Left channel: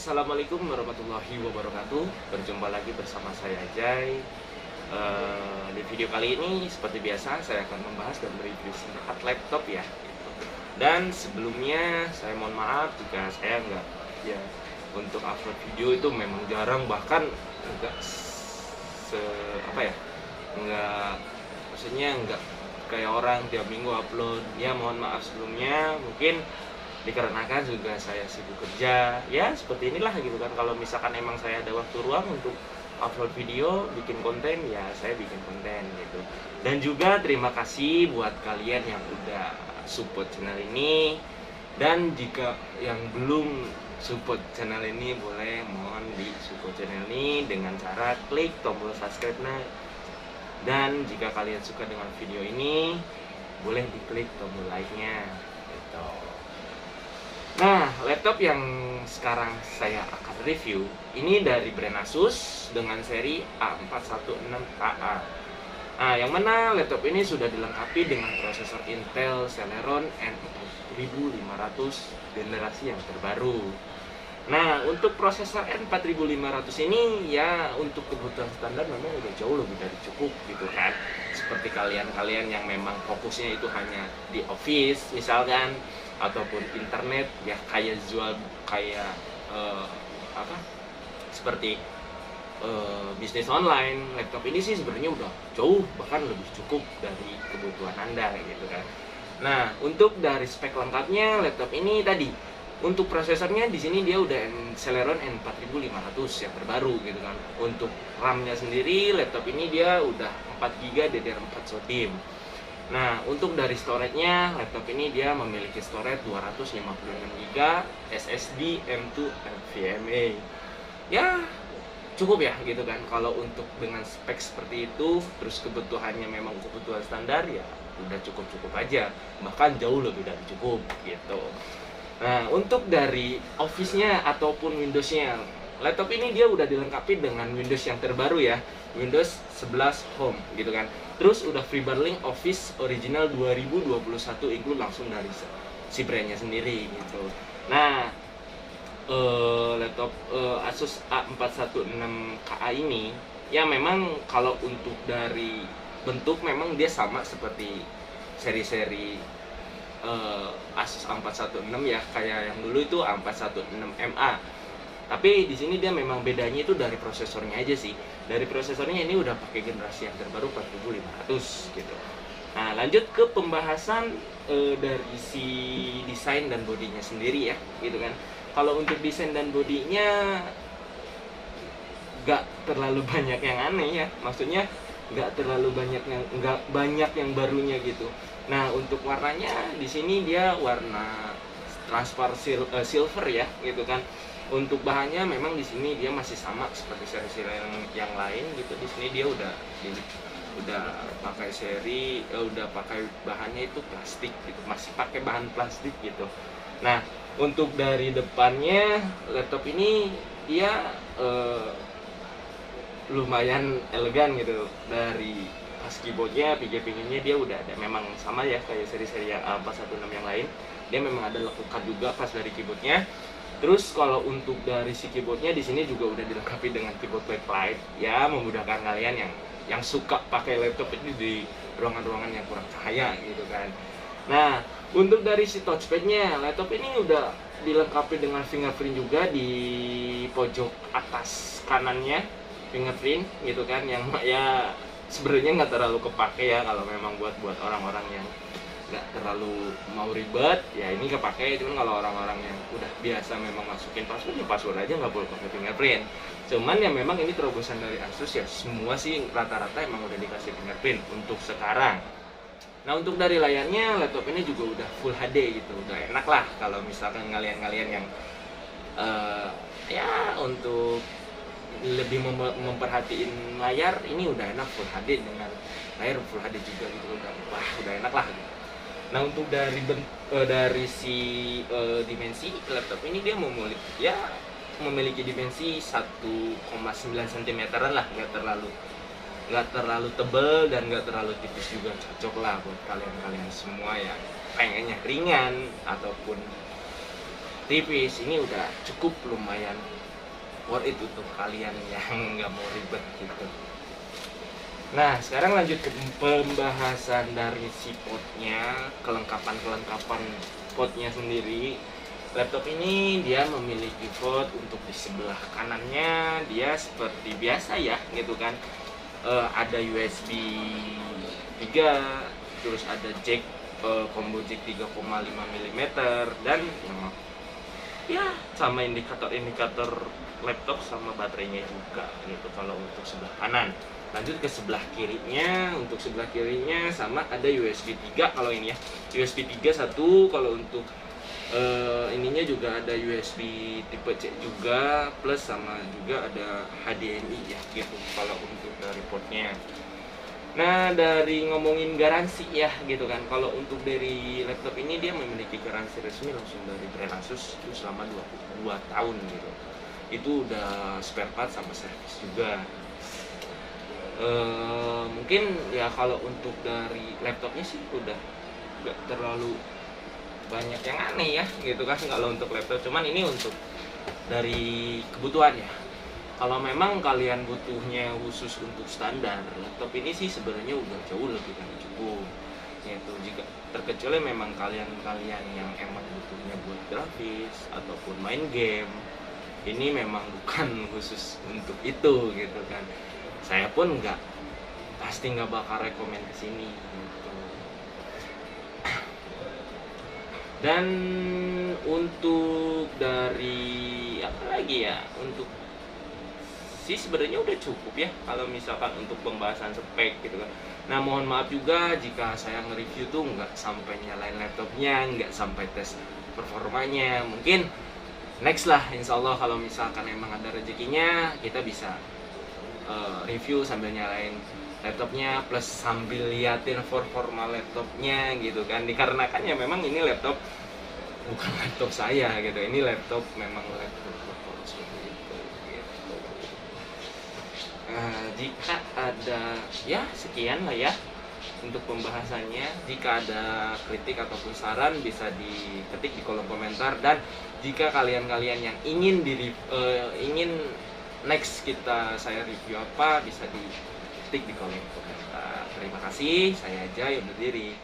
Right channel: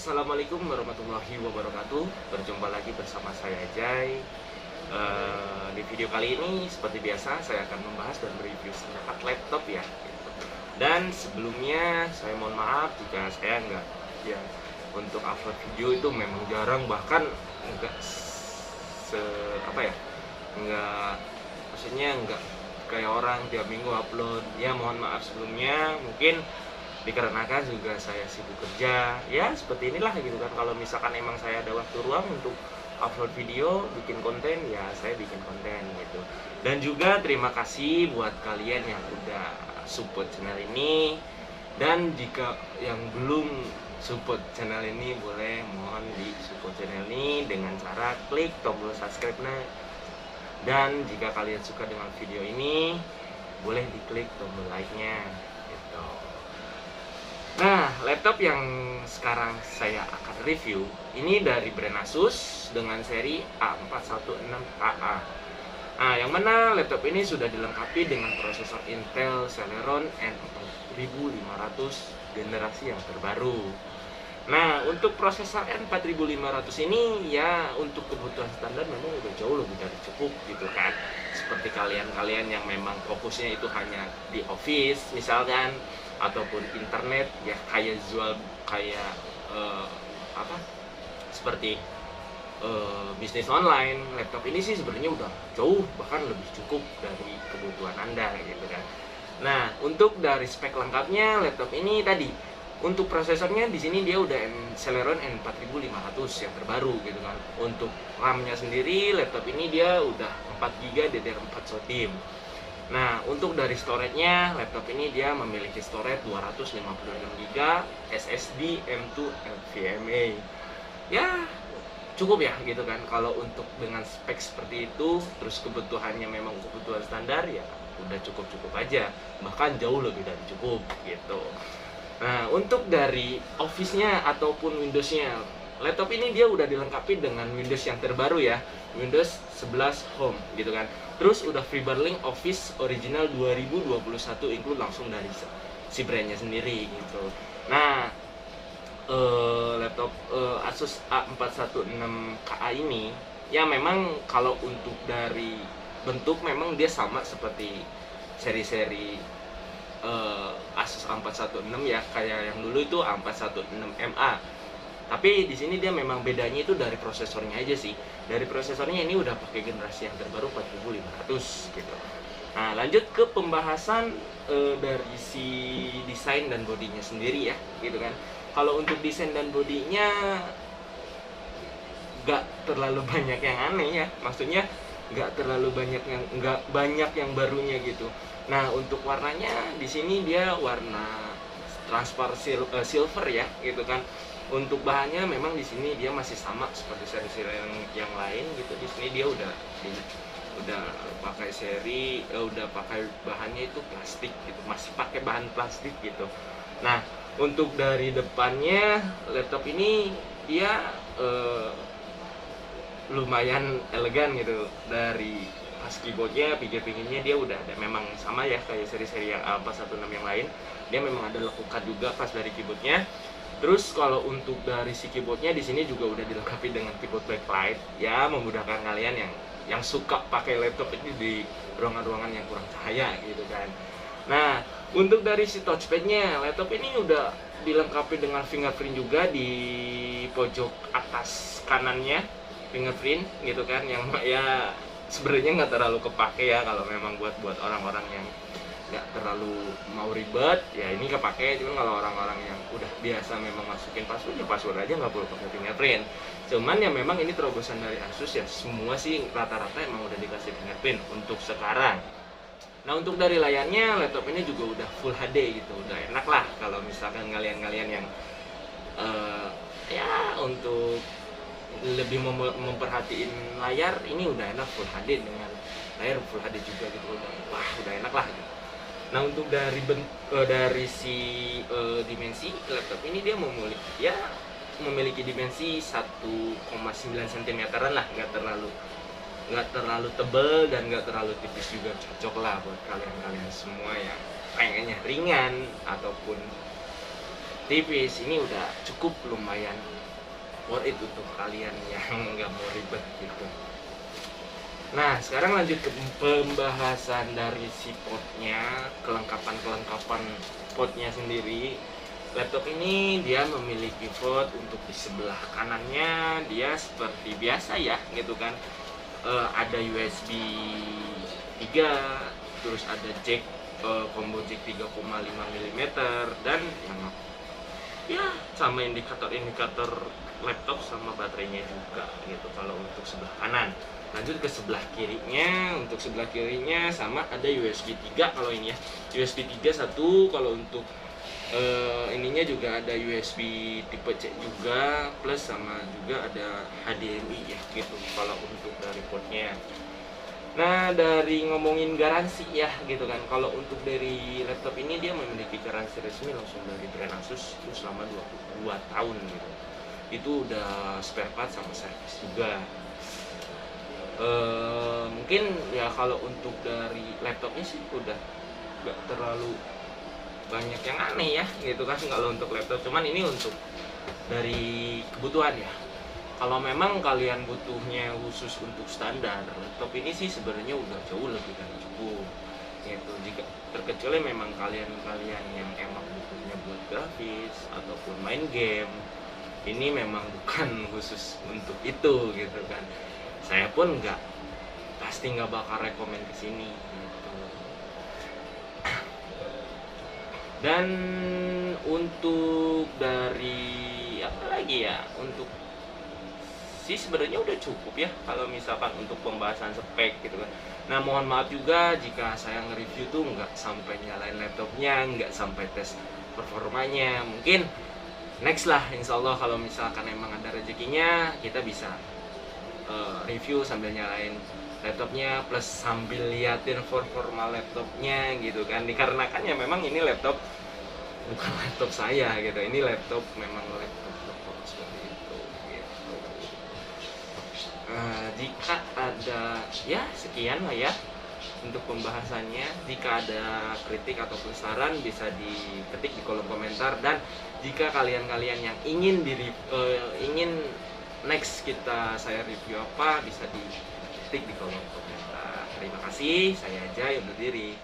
Assalamualaikum warahmatullahi wabarakatuh. Berjumpa lagi bersama saya Jai. Di video kali ini seperti biasa saya akan membahas dan mereview sebuah laptop ya. Dan sebelumnya saya mohon maaf jika saya nggak ya untuk upload video itu memang jarang, bahkan nggak apa ya, nggak, maksudnya nggak kayak orang tiap minggu upload. Ya mohon maaf sebelumnya, mungkin dikarenakan juga saya sibuk kerja ya, seperti inilah gitu kan. Kalau misalkan emang saya ada waktu ruang untuk upload video, bikin konten, ya saya bikin konten gitu. Dan juga terima kasih buat kalian yang udah support channel ini, dan jika yang belum support channel ini, boleh mohon di support channel ini dengan cara klik tombol subscribe-nya. Dan jika kalian suka dengan video ini, boleh diklik tombol like-nya gitu. Nah, laptop yang sekarang saya akan review ini dari brand Asus dengan seri A416KA. Nah, yang mana laptop ini sudah dilengkapi dengan prosesor Intel Celeron N4500 generasi yang terbaru. Nah, untuk prosesor N4500 ini ya untuk kebutuhan standar memang udah jauh lebih dari cukup gitu kan. Seperti kalian-kalian yang memang fokusnya itu hanya di office misalkan, ataupun internet ya, kayak jual kayak seperti bisnis online, laptop ini sih sebenarnya udah jauh bahkan lebih cukup dari kebutuhan Anda gitu kan. Nah, untuk dari spek lengkapnya laptop ini tadi, untuk prosesornya di sini dia udah Celeron N4500 yang terbaru gitu kan. Untuk RAM-nya sendiri laptop ini dia udah 4GB DDR4 SODIMM. Nah, untuk dari storage-nya, laptop ini dia memiliki storage 256GB SSD M2 NVMe. Ya, cukup ya gitu kan. Kalau untuk dengan spek seperti itu, terus kebutuhannya memang kebutuhan standar, ya udah cukup-cukup aja. Bahkan jauh lebih dari cukup gitu. Nah, untuk dari Office-nya ataupun Windows-nya, laptop ini dia udah dilengkapi dengan Windows yang terbaru ya, Windows 11 Home gitu kan. Terus udah FreeBurling Office Original 2021 include langsung dari si brandnya sendiri gitu. Nah, laptop Asus A416KA ini ya memang kalau untuk dari bentuk memang dia sama seperti seri-seri Asus A416 ya, kayak yang dulu itu A416MA. Tapi di sini dia memang bedanya itu dari prosesornya aja sih. Dari prosesornya ini udah pakai generasi yang terbaru 4500 gitu. Nah, lanjut ke pembahasan dari si desain dan bodinya sendiri ya, gitu kan. Kalau untuk desain dan bodinya nggak terlalu banyak yang aneh ya. Maksudnya nggak terlalu banyak yang barunya gitu. Nah, untuk warnanya di sini dia warna transparan silver ya, gitu kan. Untuk bahannya memang di sini dia masih sama seperti seri-seri yang lain gitu. Di sini dia udah pakai udah pakai bahannya itu plastik gitu, masih pakai bahan plastik gitu. Nah, untuk dari depannya laptop ini dia lumayan elegan gitu. Dari pas keyboardnya, pinggir-pinggirnya dia udah ada, memang sama ya kayak seri-seri yang A416 yang lain. Dia memang ada lekukan juga pas dari keyboardnya. Terus kalau untuk dari si keyboardnya di sini juga udah dilengkapi dengan keyboard backlight ya, memudahkan kalian yang suka pakai laptop ini di ruangan-ruangan yang kurang cahaya gitu kan. Nah, untuk dari si touchpadnya, laptop ini udah dilengkapi dengan fingerprint juga di pojok atas kanannya, fingerprint gitu kan, yang ya sebenarnya nggak terlalu kepake ya kalau memang buat orang-orang yang nggak terlalu mau ribet ya, ini kepake. Cuman kalau orang-orang yang udah biasa memang masukin password aja nggak perlu pakai fingerprint. Cuman ya memang ini terobosan dari Asus ya, semua sih rata-rata emang udah dikasih fingerprint untuk sekarang. Nah, untuk dari layarnya, laptop ini juga udah Full HD gitu, udah enak lah kalau misalkan kalian-kalian yang ya untuk lebih memperhatiin layar, ini udah enak Full HD dengan layar Full HD juga gitu, udah enak lah gitu. Nah, untuk dari si dimensi laptop ini, dia memiliki dimensi 1,9 cm-an lah, nggak terlalu tebel dan nggak terlalu tipis juga, cocok lah buat kalian-kalian semua yang pengennya ringan ataupun tipis. Ini udah cukup lumayan worth it untuk kalian yang nggak mau ribet gitu. Nah, sekarang lanjut ke pembahasan dari si potnya, kelengkapan potnya sendiri. Laptop ini dia memiliki port untuk di sebelah kanannya, dia seperti biasa ya gitu kan. Ada USB 3, terus ada jack combo jack 3,5 mm, dan ya sama indikator laptop sama baterainya juga gitu kalau untuk sebelah kanan. Lanjut ke sebelah kirinya. Untuk sebelah kirinya sama ada USB 3 kalau ini ya. USB 3 satu. Kalau untuk ininya juga ada USB tipe C juga, plus sama juga ada HDMI ya gitu kalau untuk dari portnya. Nah, dari ngomongin garansi ya gitu kan, kalau untuk dari laptop ini dia memiliki garansi resmi langsung dari brand Asus itu selama 22 tahun gitu. Itu udah spare part sama servis juga. Mungkin ya kalau untuk dari laptopnya sih udah gak terlalu banyak yang aneh ya gitu kan kalau untuk laptop, cuman ini untuk dari kebutuhan ya. Kalau memang kalian butuhnya khusus untuk standar, laptop ini sih sebenarnya udah jauh lebih dari cukup gitu. Jika terkecuali memang kalian yang emang butuhnya buat grafis ataupun main game, ini memang bukan khusus untuk itu gitu kan. Saya pun pasti nggak bakal rekomend ke sini gitu. Dan untuk dari apa lagi ya, untuk sih sebenarnya udah cukup ya kalau misalkan untuk pembahasan spek gitu kan. Nah, mohon maaf juga jika saya nge-review tuh nggak sampai nyalain laptopnya, nggak sampai tes performanya. Mungkin next lah, insya Allah kalau misalkan emang ada rezekinya kita bisa review sambil nyalain laptopnya plus sambil liatin performa laptopnya gitu kan. Dikarenakan ya memang ini laptop bukan laptop saya gitu, ini laptop memang laptop seperti itu gitu. Jika ada ya sekian lah ya untuk pembahasannya. Jika ada kritik ataupun saran bisa diketik di kolom komentar, dan jika kalian yang ingin ingin next saya review apa bisa diketik di kolom komentar. Terima kasih, saya aja yang berdiri.